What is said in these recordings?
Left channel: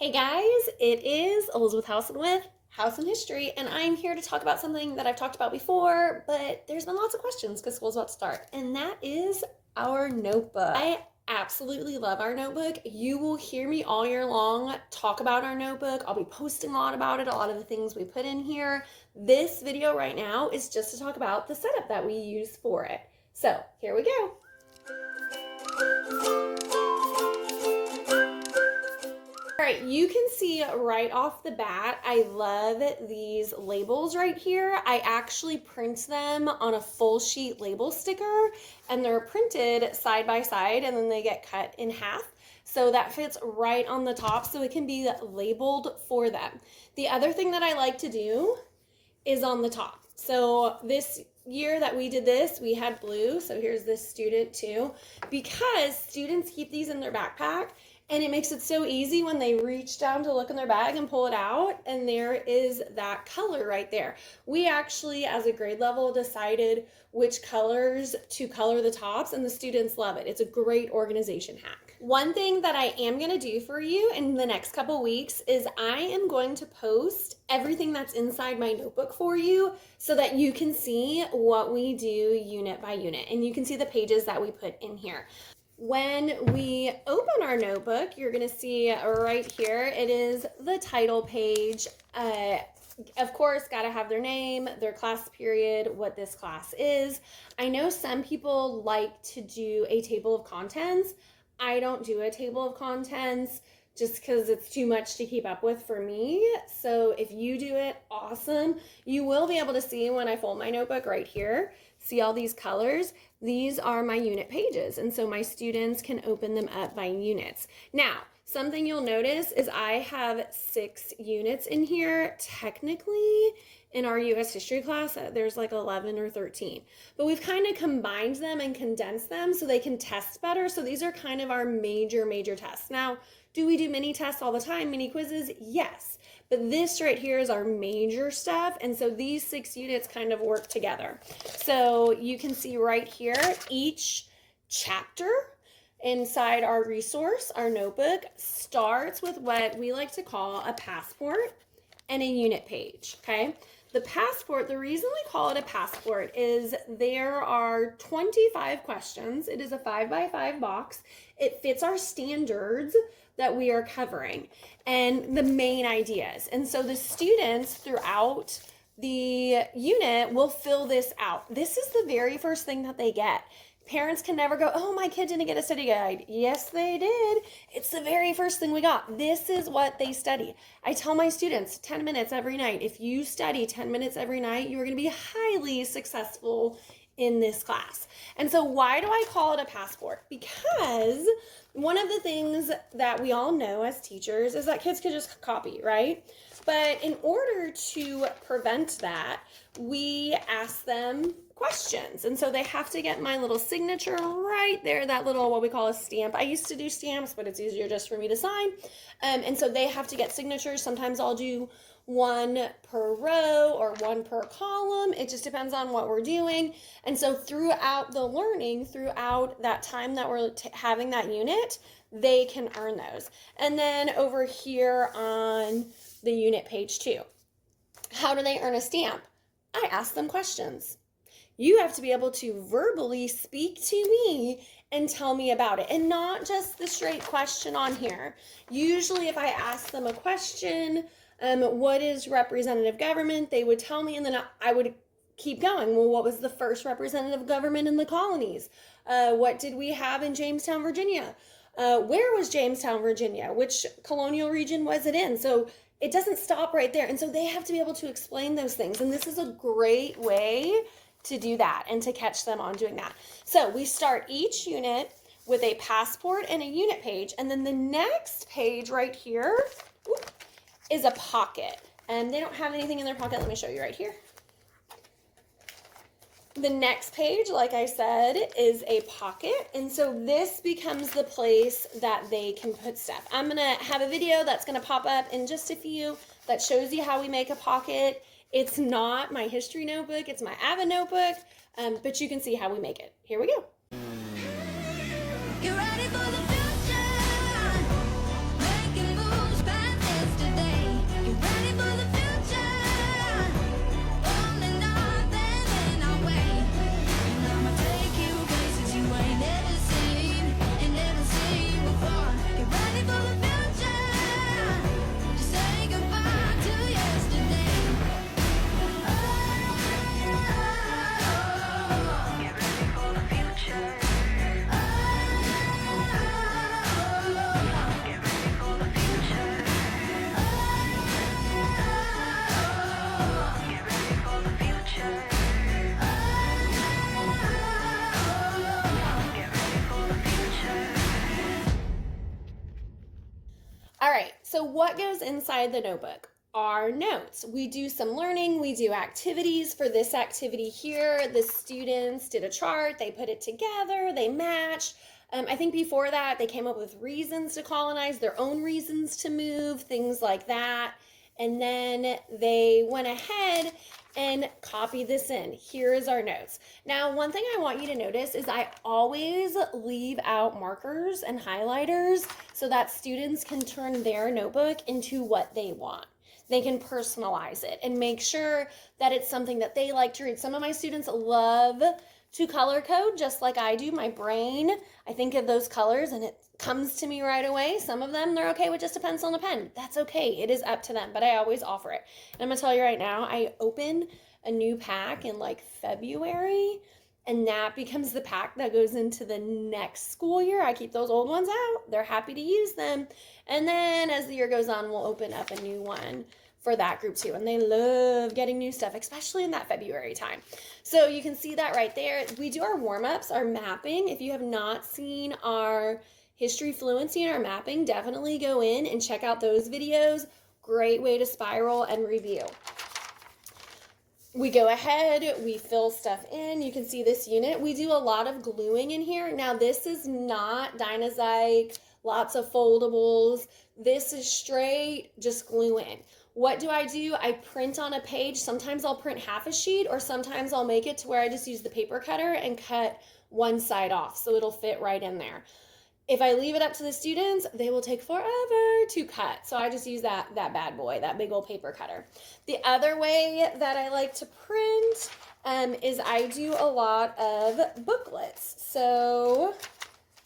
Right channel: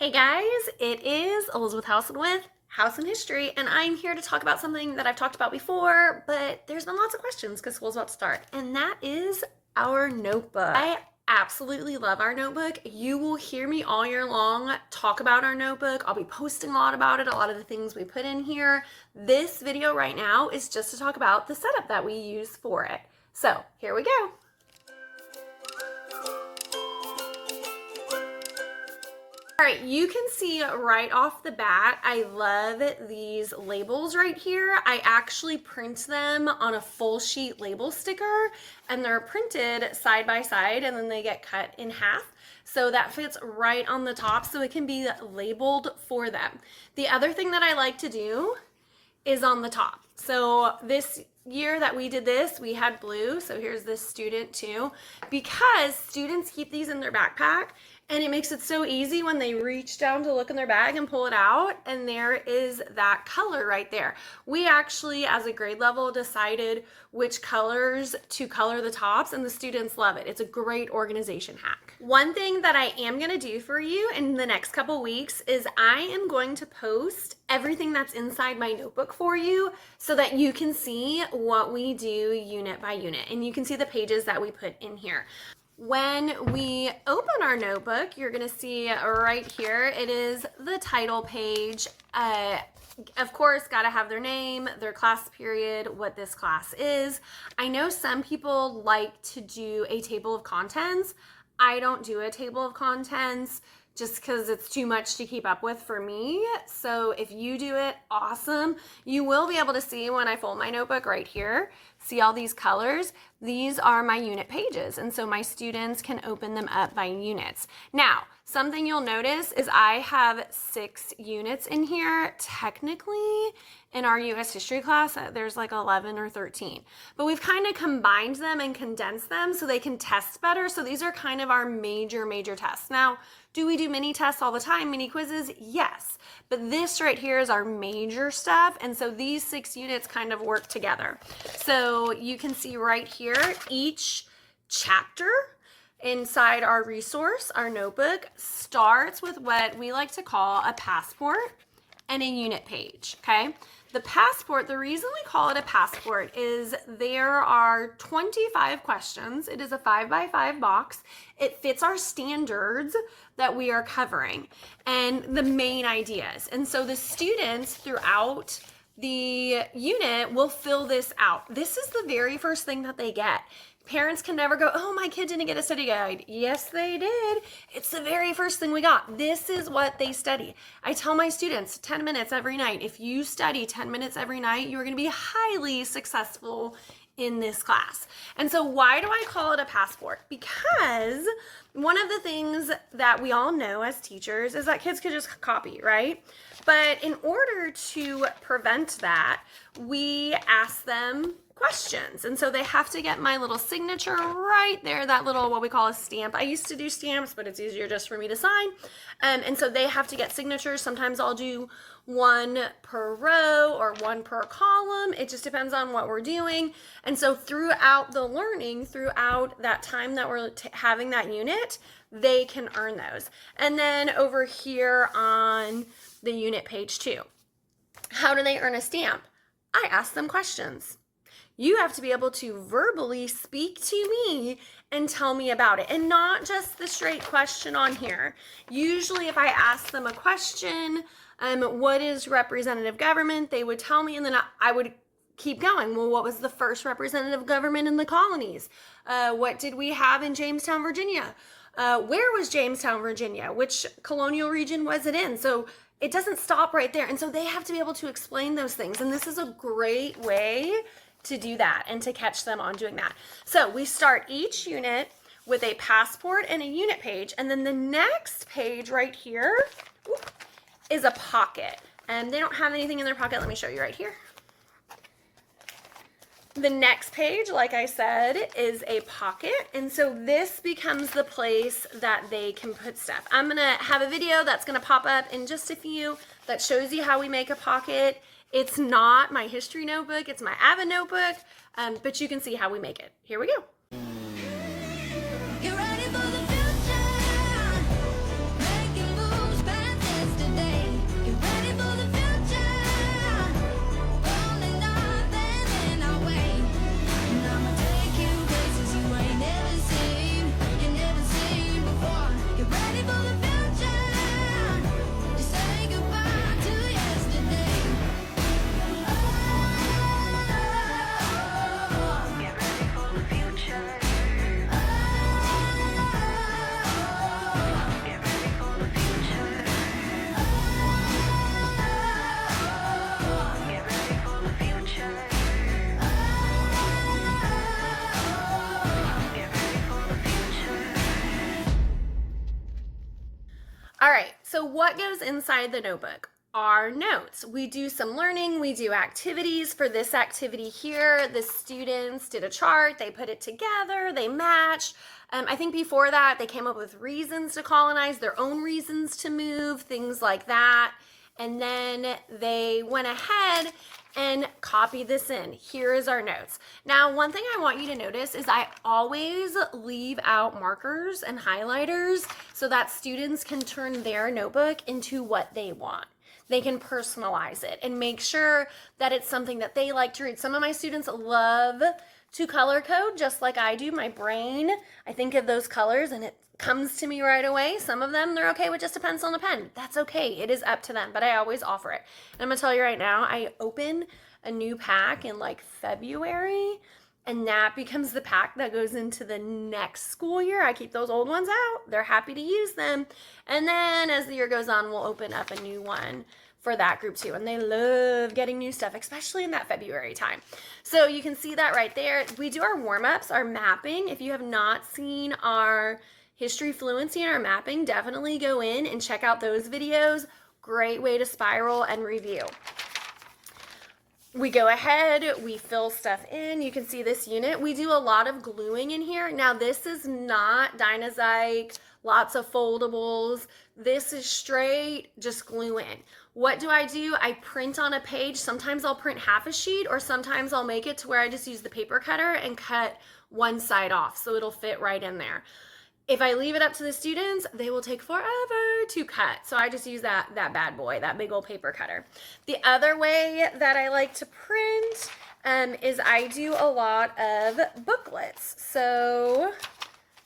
Hey guys, it is Elizabeth Housen with House and History, and I'm here to talk about something that I've talked about before, but there's been lots of questions because school's about to start, and that is our notebook. I absolutely love our notebook. You will hear me all year long talk about our notebook. I'll be posting a lot about it, a lot of the things we put in here. This video right now is just to talk about the setup that we use for it. So here we go. All right, you can see right off the bat, I love these labels right here. I actually print them on a full sheet label sticker, and they're printed side by side, and then they get cut in half. So that fits right on the top, so it can be labeled for them. The other thing that I like to do is on the top. So this year that we did this, we had blue. So here's this student too, because students keep these in their backpack, and it makes it so easy when they reach down to look in their bag and pull it out, and there is that color right there. We actually, as a grade level, decided which colors to color the tops, and the students love it. It's a great organization hack. One thing that I am gonna do for you in the next couple weeks is I am going to post everything that's inside my notebook for you so that you can see what we do unit by unit, and you can see the pages that we put in here. When we open our notebook, you're gonna see right here, it is the title page. Of course, gotta have their name, their class period, what this class is. I know some people like to do a table of contents. I don't do a table of contents just because it's too much to keep up with for me. So if you do it, awesome. You will be able to see when I fold my notebook right here. See all these colors? These are my unit pages, and so my students can open them up by units. Now, something you'll notice is I have 6 units in here. Technically, in our US history class, there's like 11 or 13, but we've kind of combined them and condensed them so they can test better. So these are kind of our major tests. Now, do we do mini tests all the time, mini quizzes? Yes, but this right here is our major stuff, and so these 6 units kind of work together. So you can see right here, each chapter inside our resource, our notebook, starts with what we like to call a passport and a unit page, okay? The passport, the reason we call it a passport is there are 25 questions. It is a 5x5 box. It fits our standards that we are covering and the main ideas. And so the students throughout the unit will fill this out. This is the very first thing that they get. Parents can never go, oh, my kid didn't get a study guide. Yes, they did. It's the very first thing we got. This is what they study. I tell my students 10 minutes every night. If you study 10 minutes every night, you're going to be highly successful in this class. And so why do I call it a passport? Because one of the things that we all know as teachers is that kids could just copy, right? But in order to prevent that, we ask them questions. And so they have to get my little signature right there, that little, what we call a stamp. I used to do stamps, but it's easier just for me to sign. And so they have to get signatures. Sometimes I'll do 1 per row or 1 per column. It just depends on what we're doing. And so throughout the learning, throughout that time that we're having that unit, they can earn those. And then over here on the unit page 2, how do they earn a stamp? I ask them questions. You have to be able to verbally speak to me and tell me about it, and not just the straight question on here. Usually if I ask them a question, what is representative government, they would tell me, and then I would keep going. Well, what was the first representative government in the colonies? What did we have in Jamestown, Virginia? Where was Jamestown, Virginia? Which colonial region was it in? So it doesn't stop right there. And so they have to be able to explain those things. And this is a great way to do that and to catch them on doing that. So we start each unit with a passport and a unit page. And then the next page right here is a pocket. And they don't have anything in their pocket. Let me show you right here. The next page, like I said, is a pocket. And so this becomes the place that they can put stuff. I'm gonna have a video that's gonna pop up in just a few that shows you how we make a pocket. It's not my history notebook, it's my Avid notebook, but you can see how we make it. Here we go. Get ready for the future, making moves, so what goes inside the notebook? Our notes. We do some learning, we do activities. For this activity here, the students did a chart, they put it together, they matched. I think before that, they came up with reasons to colonize, their own reasons to move, things like that. And then they went ahead and copy this in. Here is our notes. Now, one thing I want you to notice is I always leave out markers and highlighters so that students can turn their notebook into what they want. They can personalize it and make sure that it's something that they like to read. Some of my students love to color code just like I do. My brain, I think of those colors and it comes to me right away. Some of them, they're okay with just a pencil and a pen. That's okay. It is up to them, but I always offer it. And I'm gonna tell you right now, I open a new pack in like February, and that becomes the pack that goes into the next school year. I keep those old ones out. They're happy to use them. And then as the year goes on, we'll open up a new one for that group too. And they love getting new stuff, especially in that February time. So you can see that right there. We do our warm-ups, our mapping. If you have not seen our history fluency and our mapping, definitely go in and check out those videos. Great way to spiral and review. We go ahead, we fill stuff in. You can see this unit. We do a lot of gluing in here. Now this is not Dynazyke, lots of foldables. This is straight, just glue in. What do? I print on a page. Sometimes I'll print half a sheet, or sometimes I'll make it to where I just use the paper cutter and cut one side off so it'll fit right in there. If I leave it up to the students, they will take forever to cut. So I just use that bad boy, that big old paper cutter. The other way that I like to print is I do a lot of booklets. So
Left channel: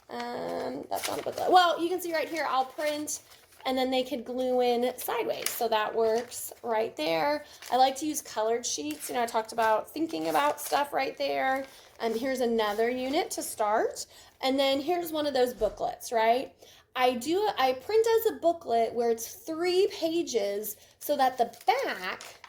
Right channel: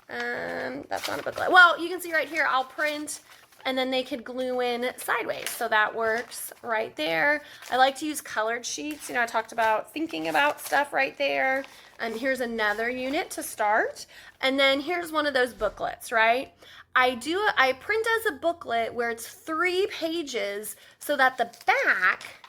that's not a booklet. Well, you can see right here, I'll print and then they could glue in sideways. So that works right there. I like to use colored sheets. You know, I talked about thinking about stuff right there. And here's another unit to start. And then here's one of those booklets, right? I print as a booklet where it's 3 pages so that the back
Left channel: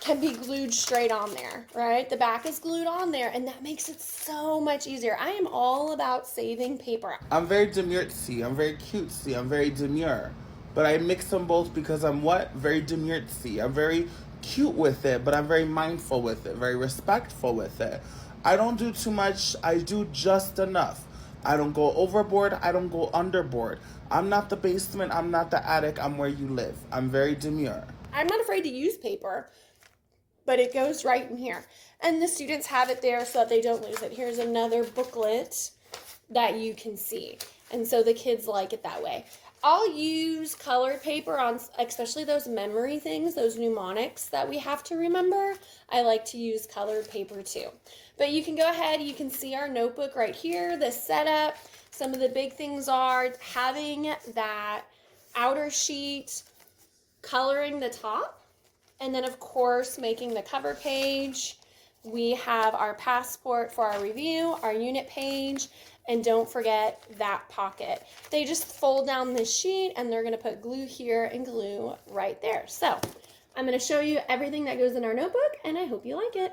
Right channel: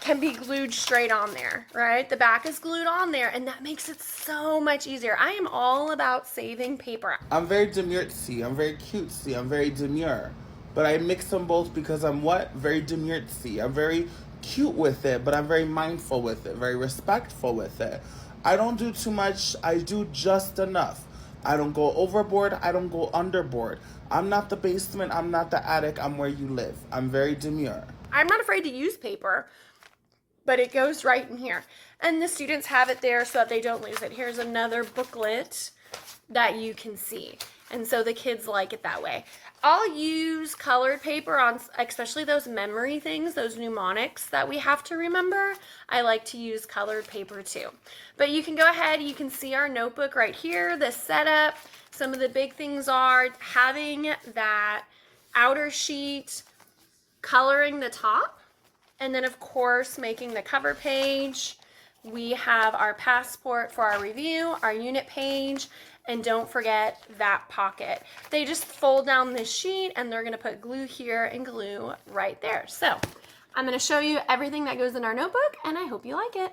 can be glued straight on there, right? The back is glued on there, and that makes it so much easier. I am all about saving paper. I'm very demurtsy. I'm very cutesy. I'm very demure. But I mix them both because I'm what? Very demurtsy. I'm very cute with it, but I'm very mindful with it, very respectful with it. I don't do too much. I do just enough. I don't go overboard. I don't go underboard. I'm not the basement. I'm not the attic. I'm where you live. I'm very demure. I'm not afraid to use paper, but it goes right in here. And the students have it there so that they don't lose it. Here's another booklet that you can see. And so the kids like it that way. I'll use colored paper on, especially those memory things, those mnemonics that we have to remember. I like to use colored paper too. But you can go ahead, you can see our notebook right here, the setup. Some of the big things are having that outer sheet, coloring the top, and then of course making the cover page. We have our passport for our review, our unit page, and don't forget that pocket. They just fold down this sheet and they're gonna put glue here and glue right there. So I'm gonna show you everything that goes in our notebook and I hope you like it.